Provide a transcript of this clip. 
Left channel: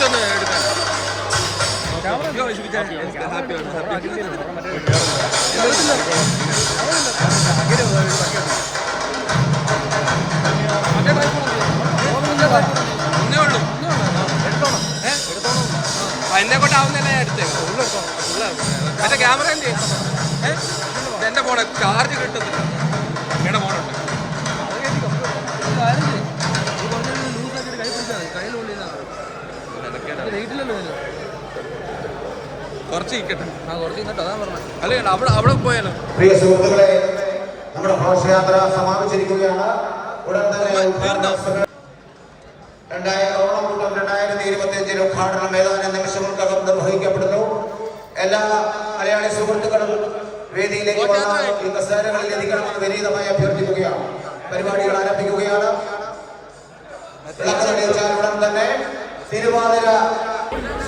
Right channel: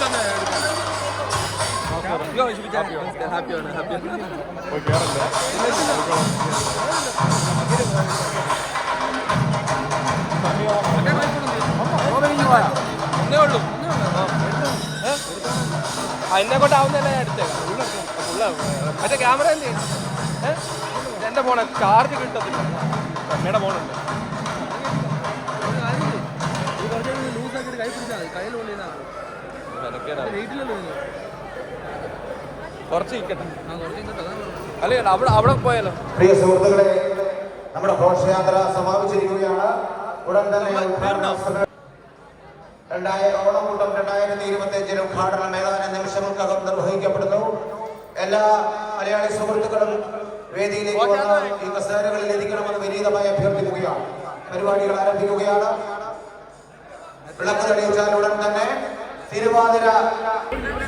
Just ഒന്ന് എടുക്കാൻ എന്നെ കൊണ്ടാവുന്നല്ല ഞാൻ എടുത്തേക്കാം മറ്റേ ക്യാമറ എന്ത് ഇതെന്റെ ഫോണ് ചാർജ് കിട്ടത്തില്ല അമ്മയുടെ ഫോണുണ്ട് ലൂസാക്കിയിട്ട് കൈ പിടിച്ചാൽ മതി കയ്യിൽ കൊള്ളിയതാണ് കുറച്ച് നിൽക്കട്ടെ കുറച്ച് നിൽക്കട്ടെ അതാ പറഞ്ഞത് അല്ലേ അവിടെ പോയാലോ. പ്രിയ സുഹൃത്തുക്കളെ, നമ്മുടെ ഘോഷയാത്ര സമാപിച്ചിരിക്കുകയാണ്. ഉടൻ തന്നെ ഓണക്കൂട്ടം 2025 ഉദ്ഘാടനം ഏതാനും നിമിഷങ്ങൾക്കകം നിർവഹിക്കപ്പെടുന്നു. എല്ലാ മലയാളി സുഹൃത്തുക്കളും വേദിയിലേക്ക് ഈ കസേരകളിൽ എത്തിക്കണമെന്ന് വിനീതമായി അഭ്യർത്ഥിക്കുകയാണ്. പരിപാടികൾ ആരംഭിക്കുകയാണ്. വിളക്ക് തെളിയിച്ചാൽ ഉടൻ തന്നെ തിരുവാതിര